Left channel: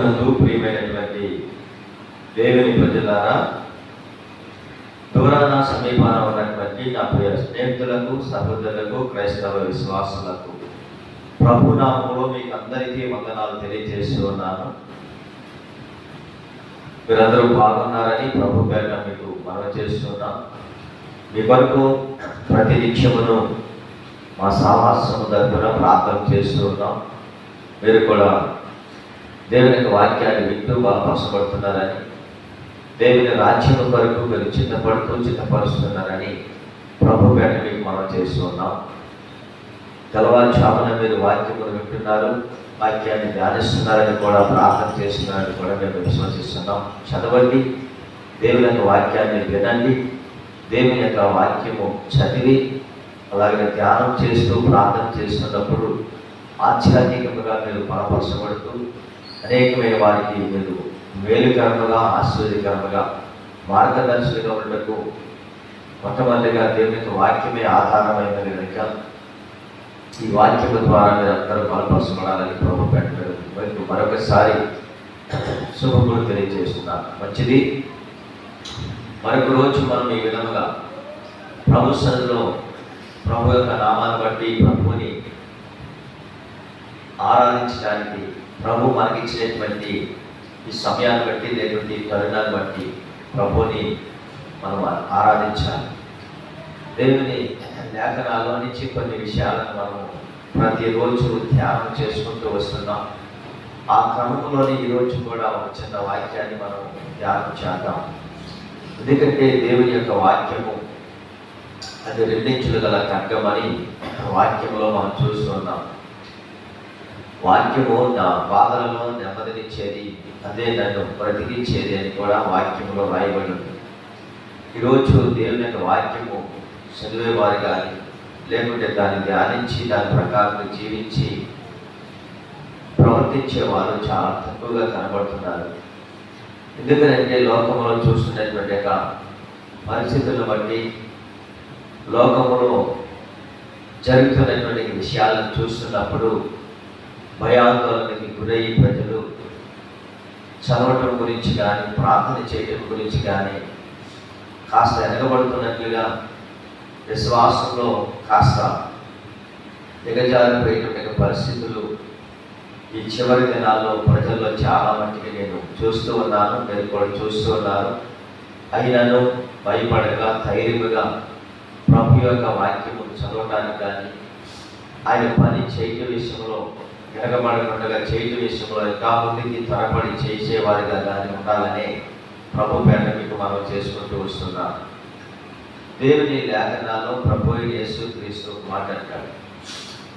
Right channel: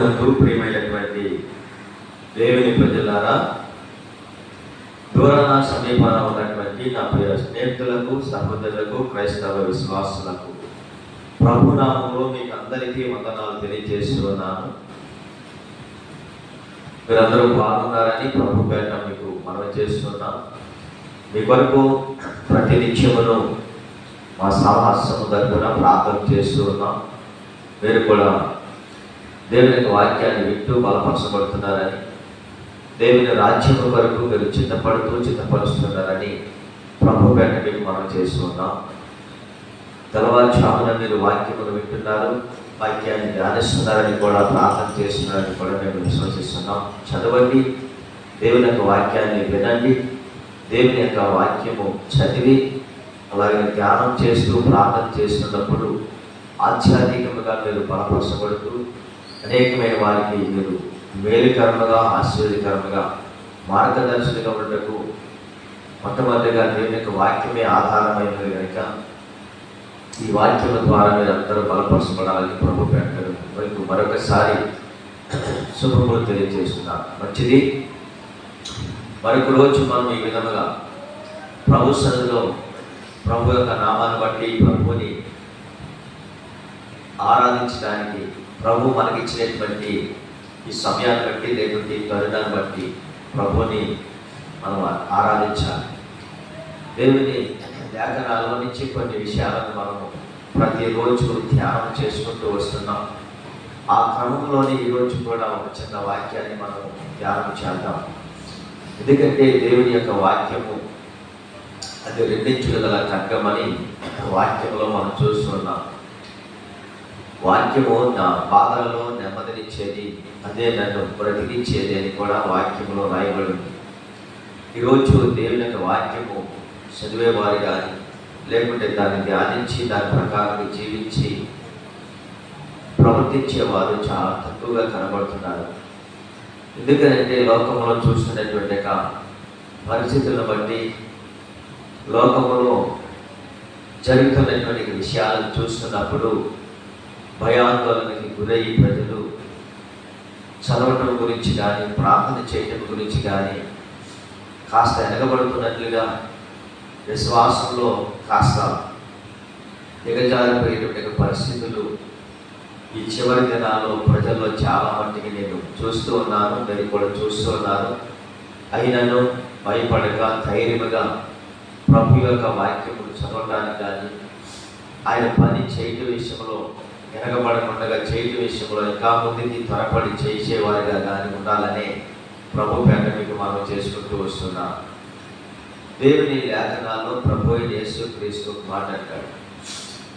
ప్రభునందు ప్రియమైనటువంటి దేవుని ప్రజలారా, దూరాన సమీపాన ఉన్నటువంటి నా ప్రియ స్నేహితులకు, సహోదరులకు, క్రైస్తవ విశ్వాసులకు ప్రభునామములో మీకు అందరికీ వందనాలు తెలియజేస్తూ ఉన్నాను. మీరందరూ బాగున్నారని ప్రభు పేరిట మీకు మనవి చేస్తున్నాను. మీ కొరకు ప్రతి నిత్యమును మా సాహసము తరపున ప్రార్థన చేస్తూ ఉన్నాం. మీరు కూడా దేవుని యొక్క వాక్యాన్ని వింటూ బలపరచబడుతున్నారని, దేవుని రాజ్యము కొరకు మీరు చిత్తపరుస్తున్నారని ప్రభు పేరిట మీకు మనం చేస్తూ ఉన్నాం. తెల్లవారుజామున మీరు వాక్యమును వింటున్నారు, వాక్యాన్ని ధ్యానిస్తున్నారని కూడా, ప్రార్థన చేస్తున్నారని కూడా మేము విశ్వసిస్తున్నాం. చదవండి, దేవుని యొక్క వాక్యాన్ని వినండి, దేవుని యొక్క వాక్యము చదివి అలాగే ధ్యానం చేస్తూ ప్రార్థన చేస్తున్నప్పుడు ఆధ్యాత్మికంగా మీరు బలపరచబడుతూ అనేకమైన వారికి మీరు మేలుకరంగా, ఆశ్చర్యకరంగా, మార్గదర్శకులుగా ఉండటకు మొట్టమొదటిగా దేవుని యొక్క వాక్యమే ఆధారమైనది కనుక ఈ వాక్యం ద్వారా మీరు అందరూ బలపరచబడాలని ప్రభు పెట్టడం మీకు మరొకసారి శుభములు తెలియజేస్తున్నారు. మంచిది. మరొక రోజు మనం ఈ విధముగా ప్రభు సన్నిధిలో ప్రభు యొక్క నామాన్ని బట్టి ప్రభుని ఆరాధించడానికి, ప్రభు మనకిచ్చినటువంటి ఈ సమయాన్ని బట్టి, లేకుంటే ఈ తరుణాన్ని బట్టి ప్రభుని మనం ఆరాధించాలి. దేవుని లేఖనాల్లో నుంచి కొన్ని విషయాలను మనము ప్రతిరోజు ధ్యానం చేసుకుంటూ వస్తున్నాం. ఆ క్రమంలోని ఈరోజు కూడా ఒక చిన్న వాక్యాన్ని మనం ధ్యానం చేద్దాం. ఎందుకంటే దేవుని యొక్క వాక్యము అది రెండించులు గల ఖడ్గమని వాక్యంలో మనం చూస్తున్నాం. వాక్యము నా బాధలలో నెమ్మదినిచ్చేది, అదే నన్ను బ్రతికించేది అని కూడా వాక్యంలో రాయబడింది. ఈరోజు దేవుని యొక్క వాక్యము చదివేవారు కానీ, లేకుంటే దాన్ని ధ్యానించి దాని ప్రకారం జీవించి ప్రవర్తించేవారు చాలా తక్కువగా కనబడుతున్నారు. ఎందుకంటే లోకంలో చూస్తున్నటువంటి యొక్క పరిస్థితులను బట్టి, లోకంలో జరుగుతున్నటువంటి విషయాలను చూస్తున్నప్పుడు భయాందోళనకి గురయ్యి ప్రజలు చదవటం గురించి కానీ, ప్రార్థన చేయటం గురించి కానీ కాస్త వెనకబడుతున్నట్లుగా, విశ్వాసంలో కాస్త దిగజారిపోయేటువంటి పరిస్థితులు ఈ చివరి దినాల్లో ప్రజల్లో చాలా మట్టికి నేను చూస్తూ ఉన్నాను, మీరు కూడా చూస్తూ ఉన్నారు. అయినను భయపడక ధైర్యముగా ప్రభు యొక్క వాక్యము చదవటానికి కానీ, ఆయన పని చేయటం విషయంలో వెనకబడకుండా చేయటం విషయంలో ఇంకా ముందుకి త్వరపడి చేసేవారిగా కానీ ఉండాలనే ప్రభు పేట మీకు మనం చేసుకుంటూ వస్తున్నాం. దేవుని లేఖనాల్లో ప్రభు యేసుక్రీస్తు మాట్లాడాడు.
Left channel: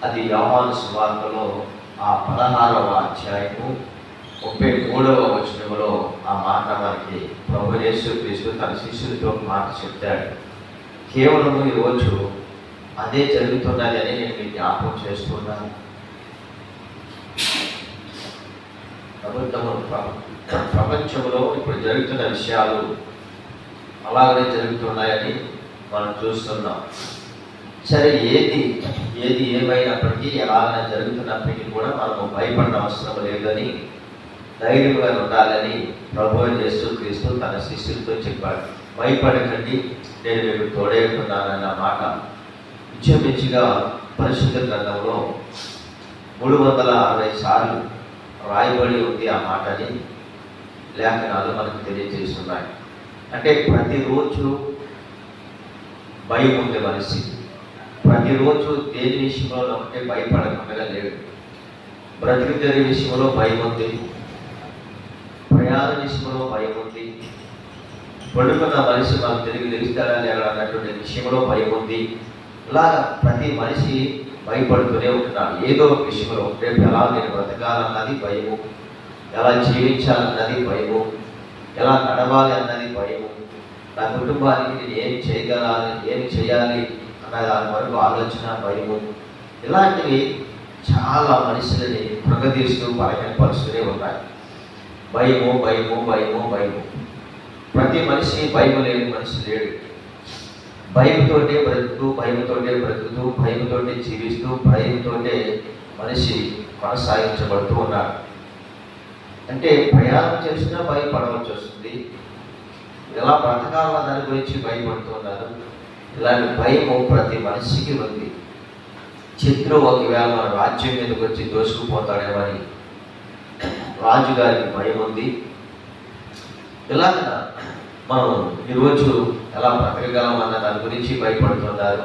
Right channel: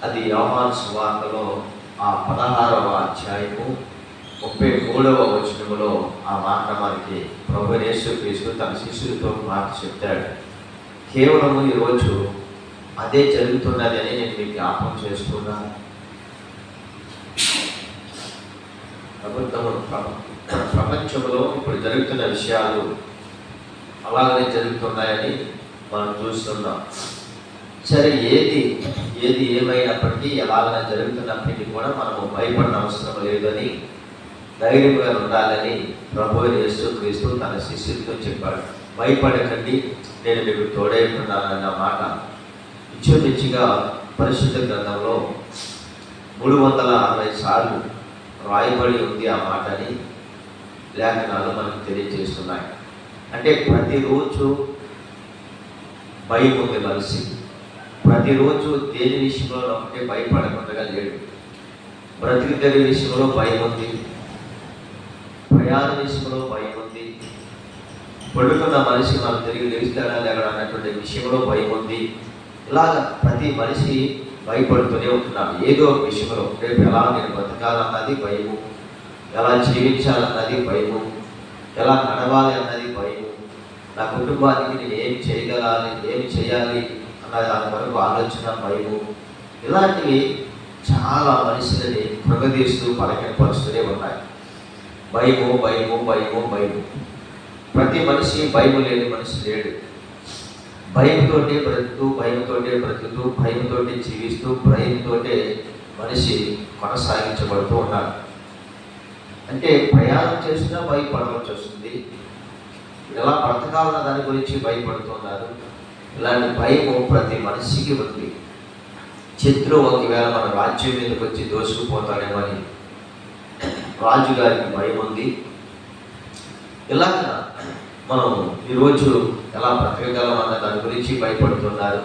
అది యోహాను సువార్తలో ఆ 16వ అధ్యాయము 33వ వచనములో ఆ మాట మనకి ప్రభు యేసుక్రీస్తు తన శిష్యులతో మాట చెప్తాడు. కేవలము ఈరోజు అదే జరుగుతున్నది అని నేను మీకు జ్ఞాపకం చేసుకున్నాను. ప్రపంచంలో ఇప్పుడు జరుగుతున్న విషయాలు అలాగనే జరుగుతున్నాయని మనం చూస్తున్నాం. సరే, ఏది ఏమైనప్పటికీ, ఎలాగైనా జరుగుతున్నప్పటికీ కూడా మనము భయపడిన అవసరం లేదని, ధైర్యంగా ఉండాలని ప్రభు యేసుక్రీస్తు తన శిష్యులతో చెప్పాడు. భయపడకండి, నేను మీకు తోడే ఉన్నానన్న మాట ఇంచుమించుగా పరిశుద్ధ గ్రంథంలో 360 సార్లు రాయబడి ఉంది. ఆ మాటని లేఖనాలు మనకు తెలియజేస్తున్నాయి. అంటే ప్రతిరోజు భయం ఉంది మనిషి. ప్రతిరోజు దేని విషయంలో ఒకటే భయపడకుండా లేడు. బ్రతికి జరిగే విషయంలో భయం ఉంది, ప్రయాణ విషయంలో భయం ఉంది, పడుకున్న మనిషి మనం తిరిగి లెగిస్తాడా లేడా అన్నటువంటి విషయంలో భయం ఉంది. ఇలాగ ప్రతి మనిషి భయపడుతూనే ఉంటున్నాడు ఏదో ఒక విషయంలో. రేపు ఎలా నేను బ్రతకాలన్నది భయము, ఎలా జీవించాలన్నది భయము, ఎలా నడవాలి అన్నది భయము, నా కుటుంబానికి నేను ఏం చేయాలి అన్న దాని వరకు ఆలోచన భయము. ఇలాంటివి చాలా మనుషులని కృంగదీస్తూ బలహీనపరుస్తూనే ఉన్నాయి. భయము భయము భయము భయము. ప్రతి మనిషి భయం లేని మనిషి లేడు. భయంతోటే బ్రతుకుతూ, భయంతోటే జీవిస్తూ, భయంతోటే మనిషి కొనసాగించబడుతూ ఉన్నాడు. అంటే ప్రయాణం చేసినా భయపడవలసి వస్తుంది. ఎలా బ్రతకాలన్న దాని గురించి భయపడుతున్నారు. ఇలాంటి భయము ప్రతి మనిషికి ఉంది. శత్రువు ఒకవేళ మన రాజ్యం మీదకి వచ్చి దోసుకుపోతాడేమని రాజుగారికి భయం ఉంది. ఇలాగ మనం ఈరోజు ఎలా బ్రతకగలమన్న దాని గురించి భయపడుతున్నారు.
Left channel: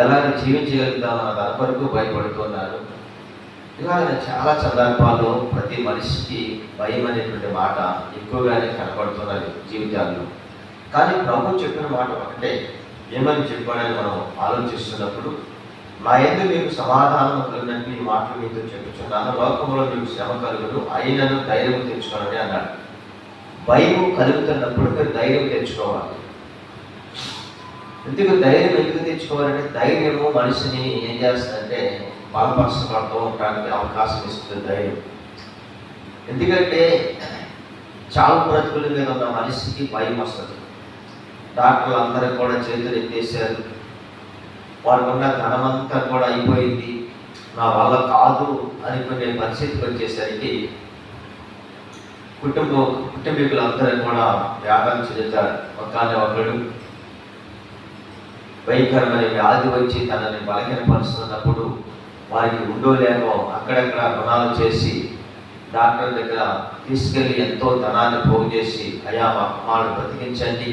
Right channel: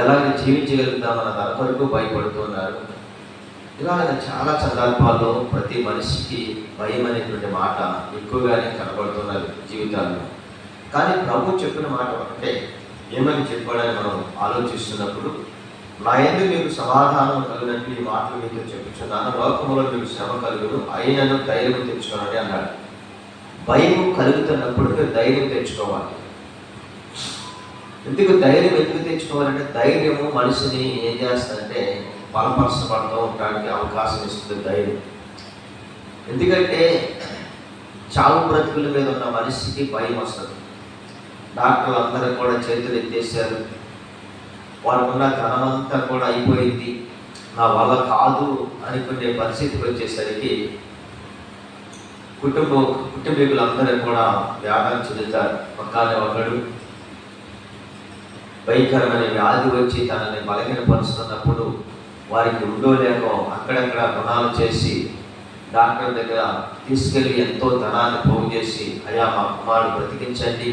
ఎలాగ జీవించగలుగుతామన్న దాని కొరకు భయపడుతున్నారు. ఇలాగ చాలా సందర్భాల్లో ప్రతి మనిషికి భయం అనేటువంటి మాట ఎక్కువగానే కనపడుతున్నది జీవితాల్లో. కానీ ప్రభు చెప్పిన మాట ఒకటే, ఏమని చెప్పాడని మనం ఆలోచిస్తున్నప్పుడు, నా యందు మీకు సమాధానం కలుగునట్టు ఈ మాటలు మీతో చెప్పుచున్నాను, లోకంలో మీకు శ్రమ కలుగును, అయినను ధైర్యం తెచ్చుకోవాలని అన్నాడు. భయం కలుగుతున్నప్పుడు మీరు ధైర్యం తెచ్చుకోవాలి. ఎందుకు తెచ్చుకోవాలంటే ధైర్యము మనిషిని ఏం చేస్తుందంటే బలపరచబడుతూ ఉండడానికి అవకాశం ఇస్తుంది ధైర్యం. ఎందుకంటే చావు బ్రతుకుల మీద ఉన్న మనిషికి భయం వస్తుంది. డాక్టర్లు అందరూ కూడా చేతులు ఎత్తేసారు, వారికి ఉన్న ఘనమంతా కూడా అయిపోయింది, నా వల్ల కాదు అనుకునే పరిస్థితికి వచ్చేసరికి కుటుంబీకులందరూ కూడా వ్యాపారం చెందుతారు. పక్కనే ఒకడు భయంకరమైన వ్యాధి వచ్చి తనని బలహీనపరుస్తున్నప్పుడు వారికి ఉండోలేకో అక్కడక్కడ రుణాలు చేసి డాక్టర్ దగ్గర తీసుకెళ్ళి ఎంతో ధనాన్ని పోగు చేసి, అయ్యా మా కుమారుడు బ్రతికించండి,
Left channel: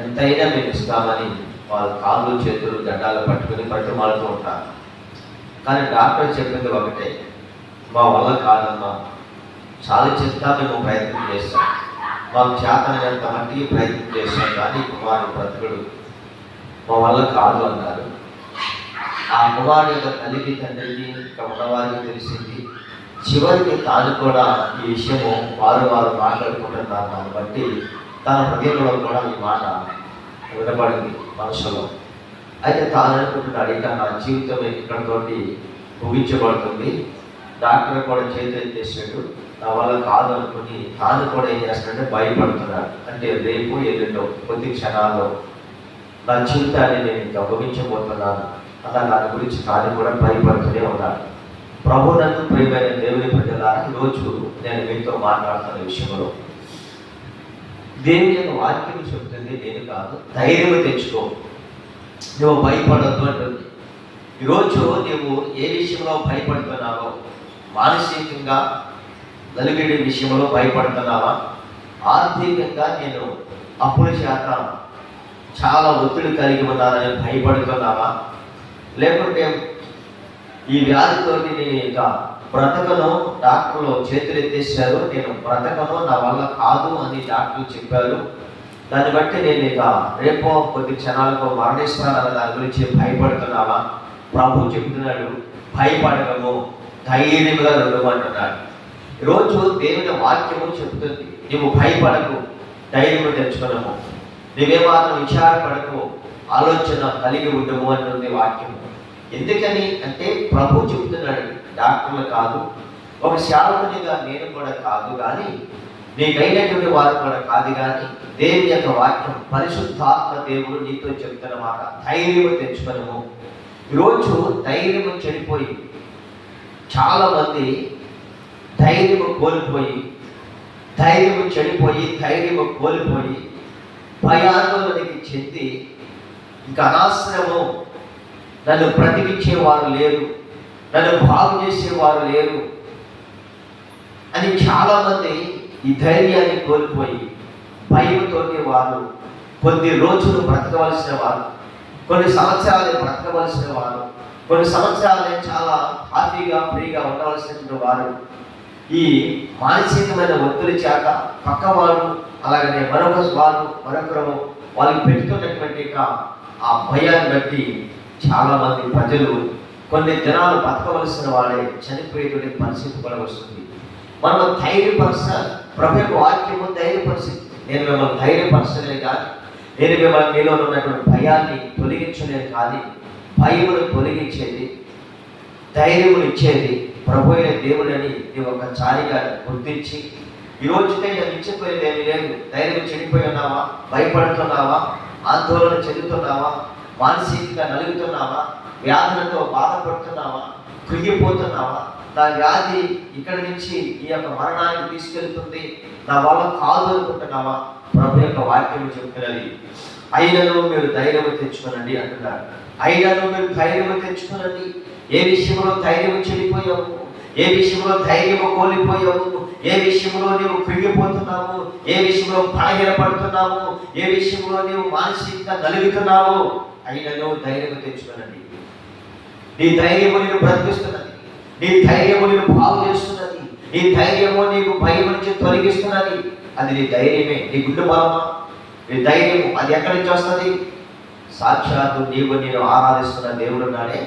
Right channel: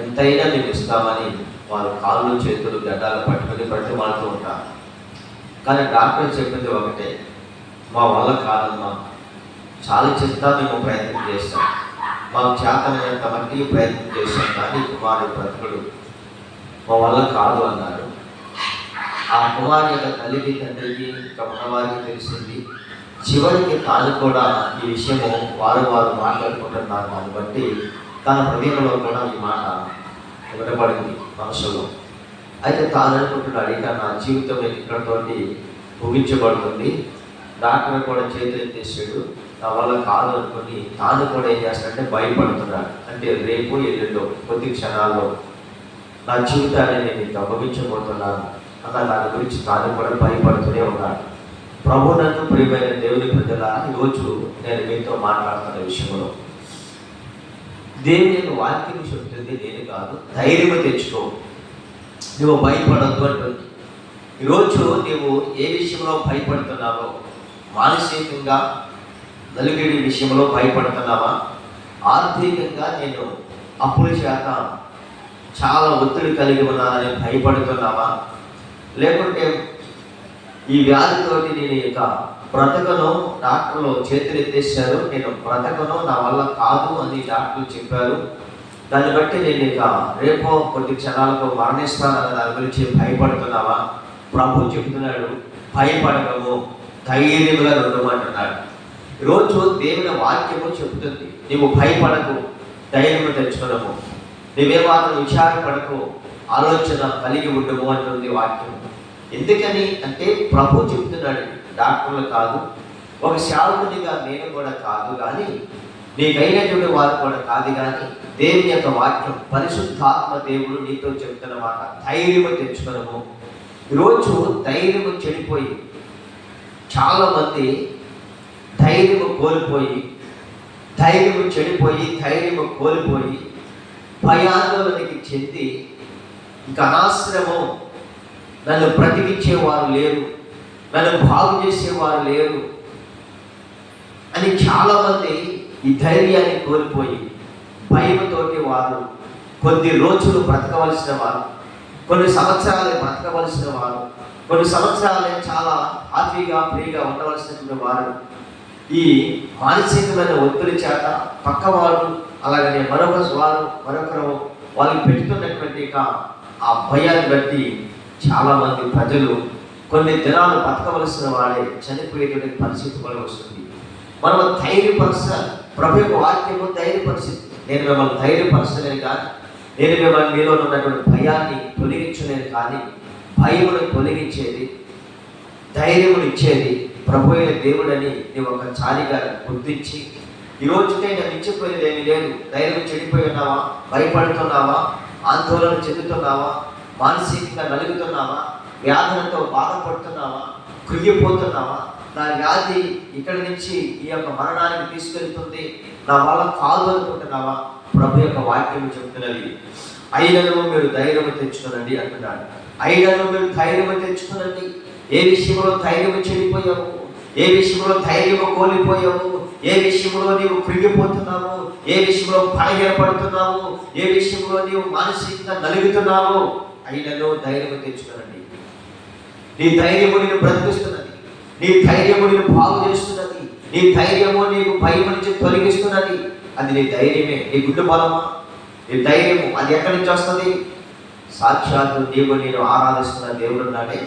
ఎంతైనా మేము ఇస్తామని వాళ్ళ కాళ్ళు చేతులు గడ్డాలు పట్టుకుని బ్రతిమాలుతూ ఉంటారు. కానీ డాక్టర్ చెప్పింది ఒకటే, మా వల్ల కాదమ్మా, చాలా చెప్తా మేము ప్రయత్నం చేస్తాం, మాకు చేతనంత మట్టికి ప్రయత్నం చేస్తాం, కానీ కుమారుడు బ్రతుకుడు, మా వల్ల కాదు అన్నారు. ఆ కుమారుడు యొక్క తల్లికి తండ్రికి ఇంకా ఉన్నవారికి తెలిసింది. చివరికి తాను కూడా ఈ విషయము వారు మాట్లాడుకుంటున్నారు. దాన్ని బట్టి తన హృదయంలో కూడా ఈ మాట వినబడింది మనసులో. అయితే తాను అనుకుంటున్నాడు, ఇక నా జీవితం ఇక్కడితోటి ముగించబడుతుంది. డాక్టర్ కూడా చేతులు ఎత్తేసాడు, నా వల్ల కాదు అనుకుని తాను కూడా ఏం చేస్తాడంటే భయపడుతున్నాడు. అంటే రేపు ఎల్లుండో కొద్ది క్షణాల్లో నా జీవితాన్ని నేను ఇంకా ముగించబోతున్నాను అన్న దాని గురించి తాను కూడా భయపడుతూనే ఉన్నాడు. ప్రభు నందు ప్రియమైన దేవుని బిడ్డలారా, ఈరోజు నేను మీతో మాట్లాడుతున్న విషయంలో దేవుని యొక్క వాక్యం చెబుతుంది, నేను కాదు, ధైర్యం తెచ్చుకో, నువ్వు భయపడద్దు అంటుంది. ఈరోజు నువ్వు ఏ విషయంలో భయపడుతున్నావో, మానసికంగా నలుగురి విషయంలో భయపడుతున్నావా, ఆర్థికంగా నేను అప్పుల చేత చాలా ఒత్తిడి కలిగి ఉన్నానని భయపడుతున్నావా, లేకుంటే ఈ వ్యాధితో నేను ఇక బ్రతకను, డాక్టర్లు చేతులు ఎత్తేసారు, నేను బ్రతకను, నా వల్ల కాదు అని డాక్టర్లు చెప్పారు, దాన్ని బట్టి నేను ఇక రేపో కొద్ది క్షణాలకు మరణిస్తాను అన్న దాని గురించి భయపడుతున్నావా? ప్రభు చెప్తున్నాడు, భయపడకము, ధైర్యంగా ఉండమంటున్నాడు. ఈరోజు దేవుని వాక్యము చెబుతుంది, నువ్వు భయపడకు, ధైర్యం తెచ్చుకున్నాము, నువ్వే మాత్రం విచారపడకు, ఆలోచన కలిగి ఉండము అంటుంది వాక్యము. ఎందుకని అంటే ప్రభు చెప్తున్నాడు, డాక్టర్లు కాదు, ఒక సేవకునిగా నేను కూడా కాదు, కానీ నీకైనటువంటి వారు కూడా కాదు, కానీ దేవుని యొక్క వాక్యం, పరిశుద్ధాత్మ దేవుడు నీతో చెప్తున్న మాట, ధైర్యము తెచ్చుకున్నాము. ఈరోజు ధైర్యము చెడిపోయి చాలామంది ధైర్యము కోల్పోయి భయాందోళనకి చెంది ఇంకా అనవసరము, నన్ను బ్రతికించేవారు లేరు, నన్ను బాగు చేసేవారు లేరు అని చాలామంది ఈ ధైర్యాన్ని కోల్పోయి భయంతోటి వారు కొద్ది రోజులు బ్రతకవలసిన వారు, కొన్ని సంవత్సరాలే బ్రతకవలసిన వారు, కొన్ని సంవత్సరాలే చాలా హ్యాపీగా ఫ్రీగా ఉండవలసినటువంటి వారు ఈ మానసికమైన ఒత్తిడి చేత పక్కవారు, అలాగనే మరొకరు వాళ్ళకి పెడుతున్నటువంటి ఆ భయాన్ని బట్టి చాలామంది ప్రజలు కొన్ని దినాలు బతకవలసిన వాడే చనిపోయేటువంటి పరిస్థితి కూడా వస్తుంది. మనం ధైర్యపరచాలి. ప్రభు యొక్క వాక్యము ధైర్యపరిచింది. నేను మిమ్మల్ని ధైర్యపరచలేను కానీ, నేను మిమ్మల్ని మీలో ఉన్నటువంటి భయాన్ని తొలగించలేను కానీ, భయమును తొలగించేది, ధైర్యమును ఇచ్చేది ప్రభు అయిన దేవుడని నీవు ఒకసారిగా గుర్తించి, ఈరోజుకై నేను ఇచ్చిపోయేది ఏమీ లేదు, ధైర్యం చెడిపోయి ఉన్నావా, భయపడుతున్నావా, ఆందోళన చెందుతున్నావా, మానసికంగా నలుగుతున్నావా, వ్యాధులతో బాధపడుతున్నావా, కృంగిపోతున్నావా, నా వ్యాధి ఇక్కడి నుంచి ఈ యొక్క మరణానికి తీసుకెళ్తుంది, నా వల్ల కాదు అనుకుంటున్నావా? ప్రభు యొక్క వాక్యం చెప్తున్నది, అయినను మీరు ధైర్యం తెచ్చుకోనండి అంటున్నాడు. అయినను మీరు ధైర్యం తెచ్చుకోనండి. ఏ విషయంలో ధైర్యం చెడిపోయావు, ఏ విషయంలో ధైర్యం కోల్పోయావు, ఏ విషయంలో నీవు కృంగిపోతున్నావు, ఏ విషయంలో బలహీనపడుతున్నావు, ఏ విషయంలో నీవు మానసికంగా నలుగుతున్నావు, అయినను ధైర్యం తెచ్చుకోనండి. నీ ధైర్యము నేను బ్రతికిస్తున్నది, నీ ధైర్యము నేను బాగు చేస్తున్నది, నీ ధైర్యము నీకు భయం నుంచి తొలగిస్తున్నది. అది నీ ధైర్యమే, నీ గుండె బలమా? నీ ధైర్యము అది ఎక్కడి నుంచి వస్తుంది? సాక్షాత్తు నీవు నేను ఆరాధిస్తున్న దేవుడు ఉన్నాడే,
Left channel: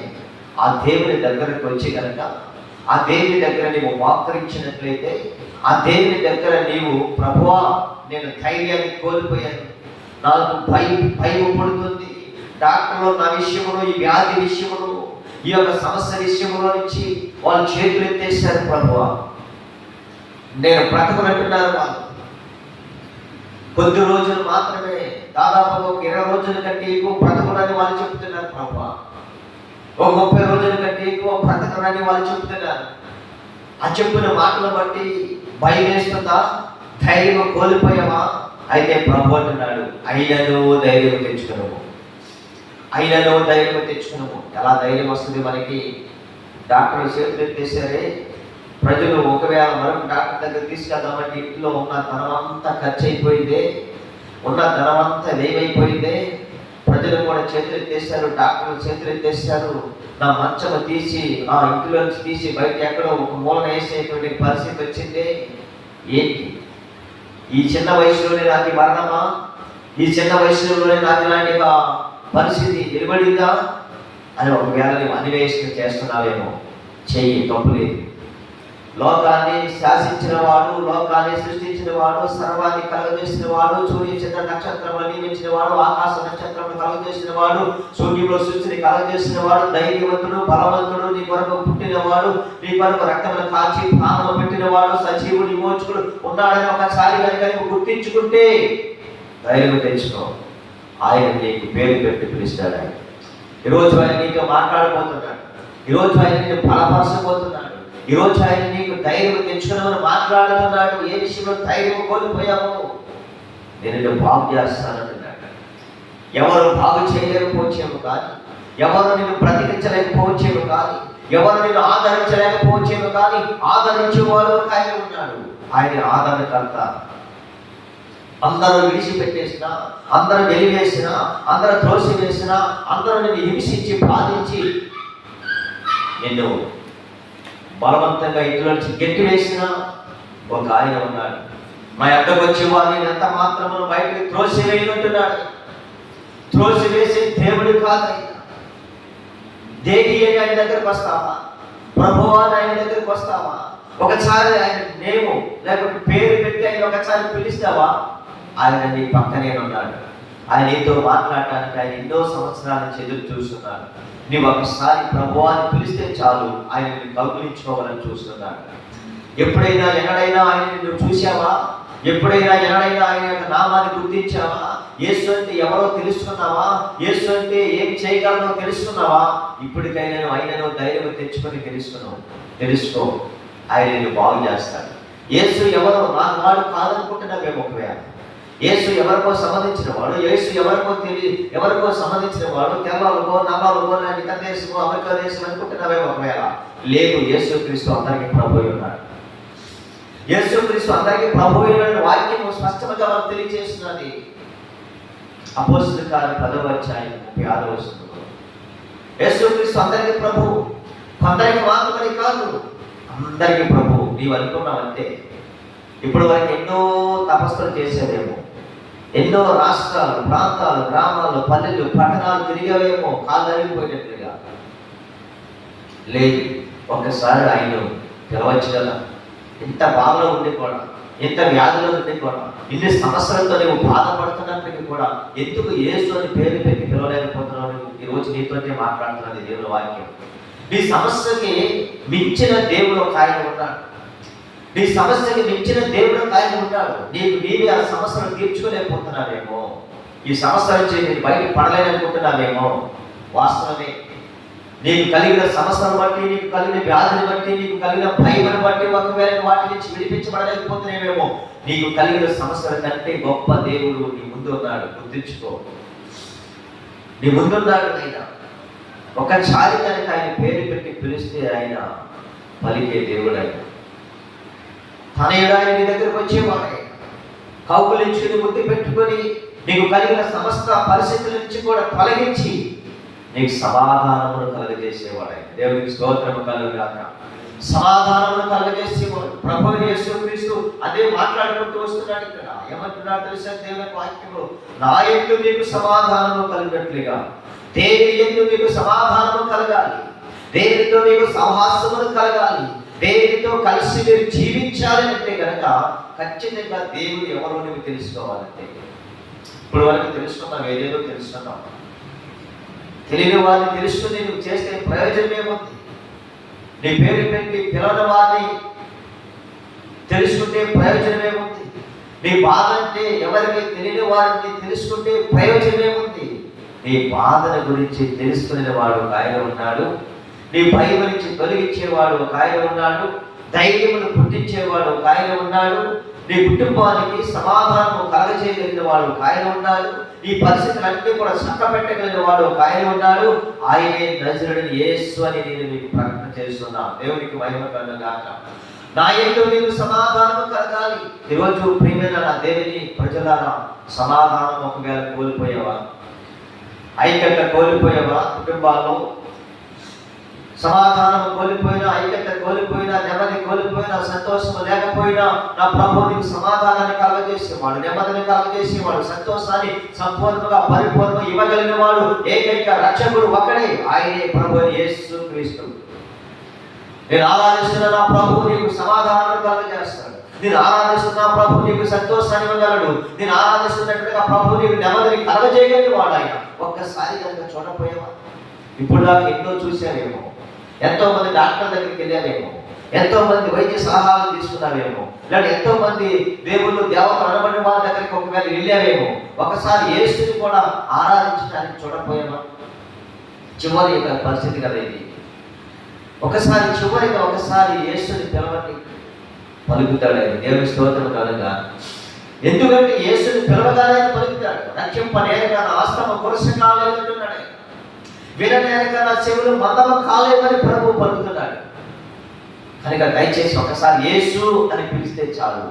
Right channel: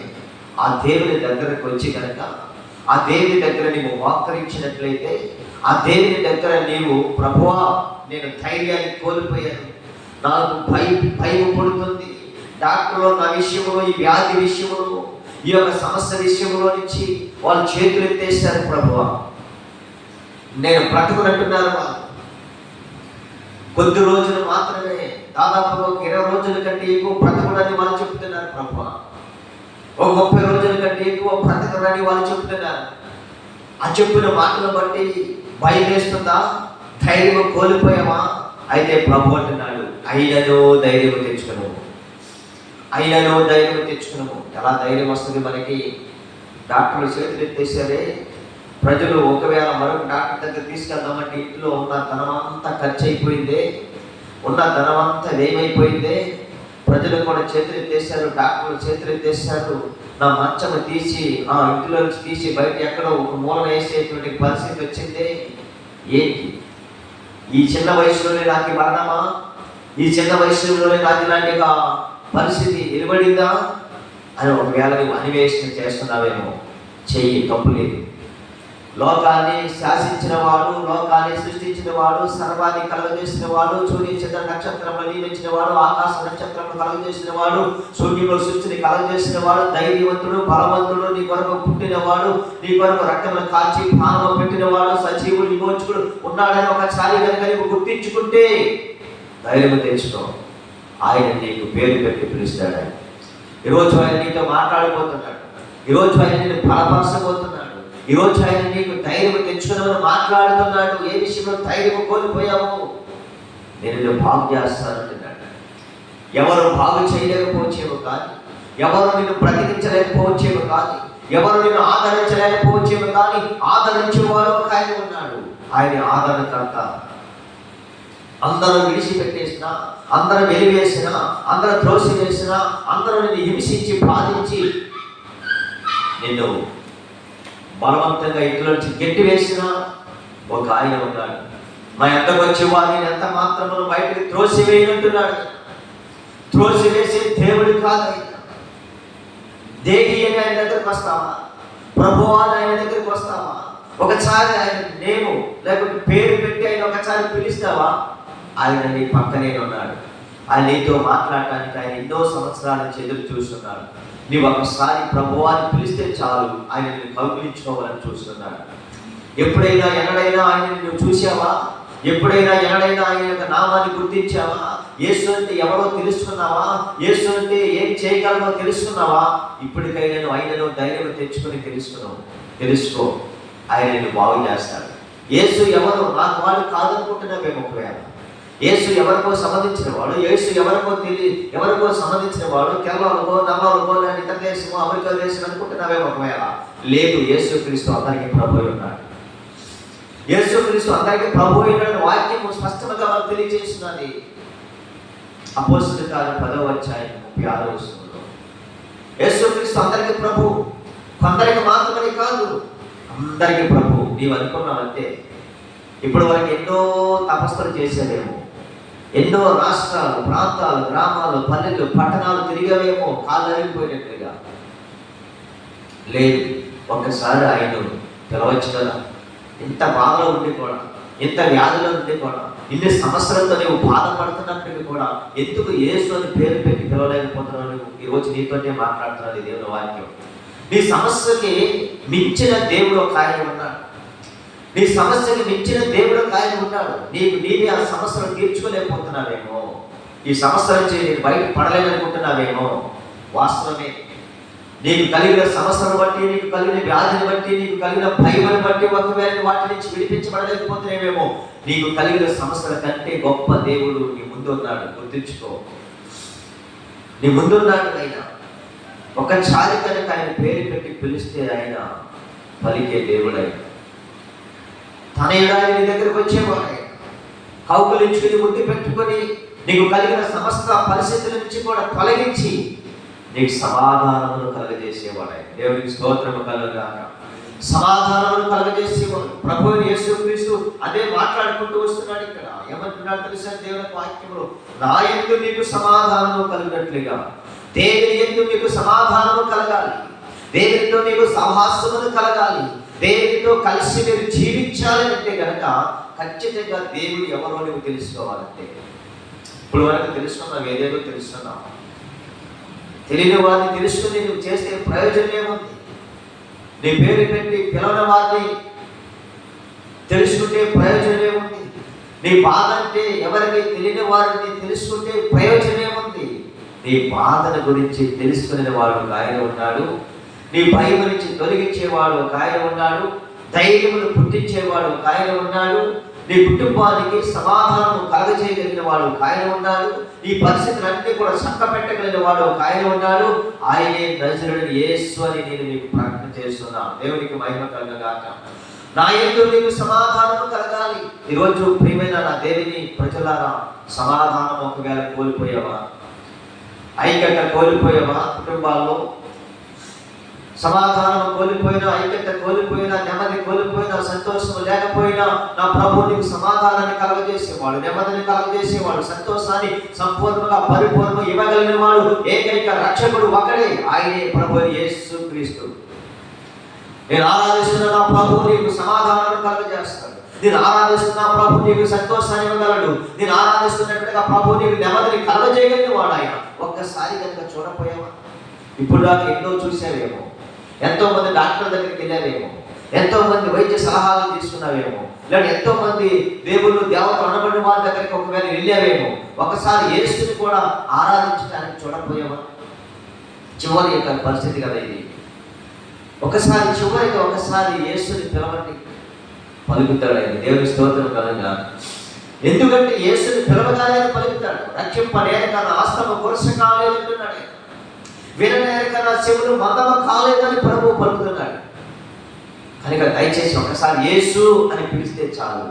ఆ దేవుని దగ్గరకు వచ్చి కనుక ఆ దేవుని దగ్గర నీవు మోకరించినట్లయితే, ఆ దేవుని దగ్గర నీవు ప్రభువా నేను ధైర్యాన్ని కోల్పోయాను, నాకు భయం పడుతుంది, డాక్టర్లు నా విషయంలో, ఈ వ్యాధి విషయంలో, ఈ యొక్క సమస్య విషయంలో నుంచి వాళ్ళు చేతులు ఎత్తేసారు, ప్రభువా నేను బ్రతకనంటున్నారు. వాళ్ళు కొద్ది రోజులు మాత్రమే, దాదాపుగా 20 రోజుల కంటే ఎక్కువ బ్రతకనని వాళ్ళు చెప్తున్నారు ప్రభువా. 30 రోజుల కంటే ఎక్కువ బ్రతకనని వాళ్ళు చెప్తున్నారు. ఆ చెప్పిన మాటలు బట్టి భయం వేస్తుందా? ధైర్యం కోల్పోయావా? అయితే ప్రభు అంటున్నాడు, అయినను ధైర్యం తెచ్చుకున్నాము, అయినను ధైర్యం తెచ్చుకున్నాము. ఎలా ధైర్యం వస్తుంది మనకి? డాక్టర్లు చేతులు ఎత్తేసారే, ప్రజలు ఒకవేళ మరొక డాక్టర్ దగ్గర తీసుకెళ్దామంటే ఇంట్లో ఉన్న ధనం అంతా ఖర్చు అయిపోయిందే, ఉన్న ధనం అంతా ఏమైపోయిందే, ప్రజలు కూడా చేతులు ఎత్తేసారు, డాక్టర్లు చేతులు ఎత్తేసారు. నా మంచము తీసి ఆ ఇంటిలో తీసి బయట ఎక్కడో ఒక మూలన వేసేటువంటి పరిస్థితి వచ్చిందే. ఏంటి ఈ చిన్న వయసులోనే నాకు మరణమా? ఈ చిన్న వయసులోనే నాకు ఇలాంటి పరిస్థితి నిలబడిందా అని ఒకవేళ నీవు అన్వేషణ చేస్తున్నావేమో, చెయ్యి, తప్పు లేదు. లోకాన్ని శాసించిన వాడు, లోకాన్ని సృష్టించిన వాడు, సర్వాన్ని కలుగజేసిన వాడు, సూర్య చంద్ర నక్షత్రములు నియమించిన వాడు, ఆకాశ నక్షత్రములు కలుగజేసిన వాడు, సూర్యుడు సృష్టిని కలుగజేసిన వాడు, ధైర్యవంతుడు, బలవంతుడు, నీ కొరకు పుట్టినవాడు, నీ కొరకు రక్తమును కాల్చి ప్రాణంలో పెట్టినవాడు, సజీవుడు, విమోచకుడు ఉన్నాడని ఒకసారి కనుక నువ్వు గుర్తించుకుంటే ధైర్యం తెచ్చుకో. ఆయన నీకు పేరు పెట్టి పిలుస్తాడు. ఆయన ఈరోజు ఆయన నీతో మాట్లాడబోతున్నాడు, ఈరోజు ఆయన నేను బలపరచబోతున్నాడు, ఈరోజు ఆయన నీకు ధైర్యం తెచ్చుకున్నామని మాట్లాడుతున్నాడు. ఏ విషయంలో ధైర్యం కోల్పోయాము, నేను బాగు చేస్తానంటున్నాడు. ఎవరు బాగు చేయలేకపోవచ్చేమో కానీ, ఎవరు నిన్ను బ్రతికించలేకపోవచ్చేమో కానీ, ఎవరు నిన్ను ఆదరించలేకపోవచ్చేమో కానీ, ఆదరించేవాడు ఒక ఆయన ఉన్నాడు. ఆయన ఆదరణకర్త. అందరూ విడిచిపెట్టేసిన, అందరూ వెలివేసిన, అందరూ త్రోసివేసిన, అందరూ నిన్ను హింసించి బాధించి నిన్ను బలవంతంగా ఇంట్లో నుంచి గట్టి వేసిన ఒక ఆయన ఉన్నాడు. మా యొక్కకు వచ్చే వారిని ఎంత మాత్రమును బయటకు త్రోసివేయనంటున్నాడు. త్రోసివేసే దేవుడు కాదు. దేవి అని ఆయన దగ్గరకు వస్తావా? ప్రభువా అని ఆయన దగ్గరకు వస్తావా? ఒకసారి ఆయన నేము లేకపోతే పేరు పెట్టి ఆయన ఒకసారి పిలుస్తావా? ఆయన నీ పక్కనే ఉన్నాడు. ఆయన నీతో మాట్లాడటానికి ఆయన ఎన్నో సంవత్సరాల నుంచి ఎదురు చూస్తున్నాడు. నీవు ఒకసారి ప్రభువాన్ని పిలిస్తే చాలు, ఆయన నిన్ను కౌగిలించుకోవాలని చూస్తున్నాడు. ఎప్పుడైనా ఎన్నడైనా ఆయన నువ్వు చూసావా? ఎప్పుడైనా ఎన్నడైనా ఆయన యొక్క నామాన్ని గుర్తించావా? యేసు అంటే ఎవరో తెలుసుకున్నావా? యేసు అంటే ఏం చేయగలనో తెలుసుకున్నావా? ఇప్పటికైనా ఆయనను ధైర్యం తెచ్చుకొని తెలుసుకో. ఆయన నిన్ను బాగు చేస్తాడు. యేసు ఎవరు? నాకు వాడు కాదనుకుంటున్నావేమో. ఒకవేళ యేసు ఎవరికో సంబంధించిన వాడు, యేసు ఎవరికో సంబంధించిన వాడు, కేరళకో, నవాలకో, లేని ఇతర దేశమో, అమెరికా దేశం అనుకుంటున్నావేమో. ఒకవేళ లేదు, యేసుక్రీస్తు అందరికీ ప్రభు ఉన్నాడు. యేసుక్రీస్తు అందరికీ ప్రభు అయిన వాక్యం స్పష్టంగా మనకు తెలియజేస్తున్నది. అపోస్తలుల కార్యం 10వ అధ్యాయం 36వ వచనంలో యేసుక్రీస్తు అందరికీ ప్రభు, కొందరికి మాత్రమే కాదు, అందరికీ ప్రభు. నీవు అనుకున్నావంటే ఇప్పుడు వరకు ఎన్నో తపస్సులు చేసేవేమో, ఎన్నో రాష్ట్రాలు, ప్రాంతాలు, గ్రామాలు, పల్లెలు, పట్టణాలు తిరిగేవేమో, కాళ్ళు అరిగిపోయినట్లుగా. లేదు, ఒక్కసారి ఆయన పిలవచ్చు కదా. ఇంత బాధలో ఉండి కూడా, ఇంత వ్యాధిలో ఉండి కూడా, ఇన్ని సమస్యలతో నువ్వు బాధపడుతున్నప్పటికీ కూడా ఎందుకు యేసు అని పేరు పెట్టి పిలవలేకపోతున్నావు? ఈరోజు నీతోనే మాట్లాడుతున్నది దేవుని వాక్యం. నీ సమస్యకి మించిన దేవుడు ఒక ఆయన ఉన్నాడు. నీ సమస్యకి మించిన దేవుడు ఒక ఆయన ఉన్నాడు. నీవే ఆ సమస్యను తీర్చుకోలేకపోతున్నావేమో, ఈ సమస్య నుంచి నేను బయట పడలేననుకుంటున్నావేమో. వాస్తవమే, నీకు కలిగిన సమస్యను బట్టి, నీకు కలిగిన వ్యాధిని బట్టి, నీకు కలిగిన భయమును బట్టి ఒకవేళ వాటి నుంచి విడిపించబడలేకపోతున్నావేమో, నీకు కలిగిన సమస్యల కంటే గొప్ప దేవుడు నీ ముందున్నాడు. గుర్తించుకో, నీ ముందున్నాడు ఆయన. ఒకసారి కనుక ఆయన పేరు పెట్టి పిలిస్తే ఆయన పలికే దేవుడు. ఆయన తన ఎడారి నీ దగ్గరకు వచ్చేవాడు. కౌగులించుకుని ముద్దు పెట్టుకొని నీకు కలిగిన సమస్త పరిస్థితుల నుంచి కూడా తొలగించి నీకు సమాధానమును కలుగజేసేవాడు. దేవునికి స్తోత్రము కలుగుగాక. సమాధానమును కలుగజేసేవాడు ప్రభువు యేసుక్రీస్తు. అదే మాట్లాడుకుంటూ వస్తున్నాడు. ఇక్కడ ఏమంటున్నాడు తెలుసా? దేవుని వాక్యంలో, నా యందు మీకు సమాధానము కలిగినట్లుగా దేవుని యందు మీకు సమాధానము కలగాలి, దేవునితో మీకు సహవాసమును కలగాలి, దేవునితో కలిసి మీరు జీవించాలి అంటే కనుక ఖచ్చితంగా దేవుడు ఎవరో నీవు తెలుసుకోవాలంటే. ఇప్పుడు వరకు తెలుసుకున్నావు, ఏదేదో తెలుసుకున్నావు. తెలియని వారిని తెలుసుకుని నువ్వు చేస్తే ప్రయోజనం ఏముంది? నీ పేరు పెట్టి పిలవని వారిని తెలుసుకుంటే ప్రయోజనం ఏముంది? నీ బాధ అంటే ఎవరికి తెలియని వారిని తెలుసుకుంటే ప్రయోజనం ఏముంది? నీ బాధల గురించి తెలుసుకునే వాడు ఒక ఆయన ఉన్నాడు. నీ భయం గురించి తొలగించేవాడు ఒక ఆయన ఉన్నాడు. ధైర్యమును పుట్టించేవాడు ఒక ఆయన ఉన్నాడు. నీ కుటుంబానికి సమాధానము కలగజేయగలిగిన వాడు ఒక ఆయన ఉన్నాడు. నీ పరిస్థితులన్నీ కూడా చక్క పెట్టగలిగిన వాడు ఒక ఆయన ఉన్నాడు. ఆయనే నజరుడైన యేసు అని నేను మీకు ప్రకటన చేస్తున్నాను. దేవునికి మహిమ కలుగుగాక. నా యందు మీకు సమాధానం కలగాలి. ఈరోజు ప్రియమైన నా దేవుని ప్రజలారా, సమాధానం ఒకవేళ కోల్పోయావా? ఐక్యత కోల్పోయావా? కుటుంబాల్లో సమాధానం కోల్పోయినా, ఐక్యత కోల్పోయినా, నెమ్మది కోల్పోయినా, సంతోషం లేకపోయినా, నా ప్రభువు నీకు సమాధానాన్ని కలగజేసేవాడు, నెమ్మదిని కలగజేసేవాడు, సంతోషాన్ని సంపూర్ణంగా పరిపూర్ణంగా ఇవ్వగలిగిన వాడు ఏకైక రక్షకుడు ఒకడే, ఆయనే ప్రభువు యేసుక్రీస్తు. నేను ఆరాధిస్తున్న నా ప్రభువు నీకు సమాధానాన్ని కలగజేస్తాడు. నేను ఆరాధిస్తున్న ప్రభువు నీకు సంతోషాన్ని ఇవ్వగలడు. నేను ఆరాధిస్తున్నట్టుగా ప్రభువు నీకు నెమ్మదిని కలగజేయగలిగిన వాడు ఆయన. ఒక్కసారి కనుక చూడపోయావా? ఇప్పుడు నాకు ఎన్నో చూశావేమో, ఎంతో మంది డాక్టర్ దగ్గరికి వెళ్ళావేమో, ఎంతో మంది వైద్య సలహాలు తీసుకున్నావేమో, లేదా ఎంతో మంది దేవుళ్ళు దేవత అనబడిన వారి దగ్గరికి ఒకవేళ వెళ్ళావేమో. ఒకసారి యేసుని కూడా ఆరాధించడానికి చూడపోయామా? చివరి యొక్క పరిస్థితి కదా ఇది. ఒకసారి యేసుని పిలవండి, పలుకుతాడు ఆయన. దేవుని స్తోత్రం కలగా. ఎందుకంటే యేసుని పిలవగానే పలుకుతాడు. రక్షింపనేక నా ఆస్తమ పురుష కాలేదంటున్నాడు. విననేక నా చెవులు మందమ కాలేదని ప్రభువు పలుకుతున్నాడు. కనుక దయచేసి ఒకసారి యేసు అని పిలిస్తే చాలు,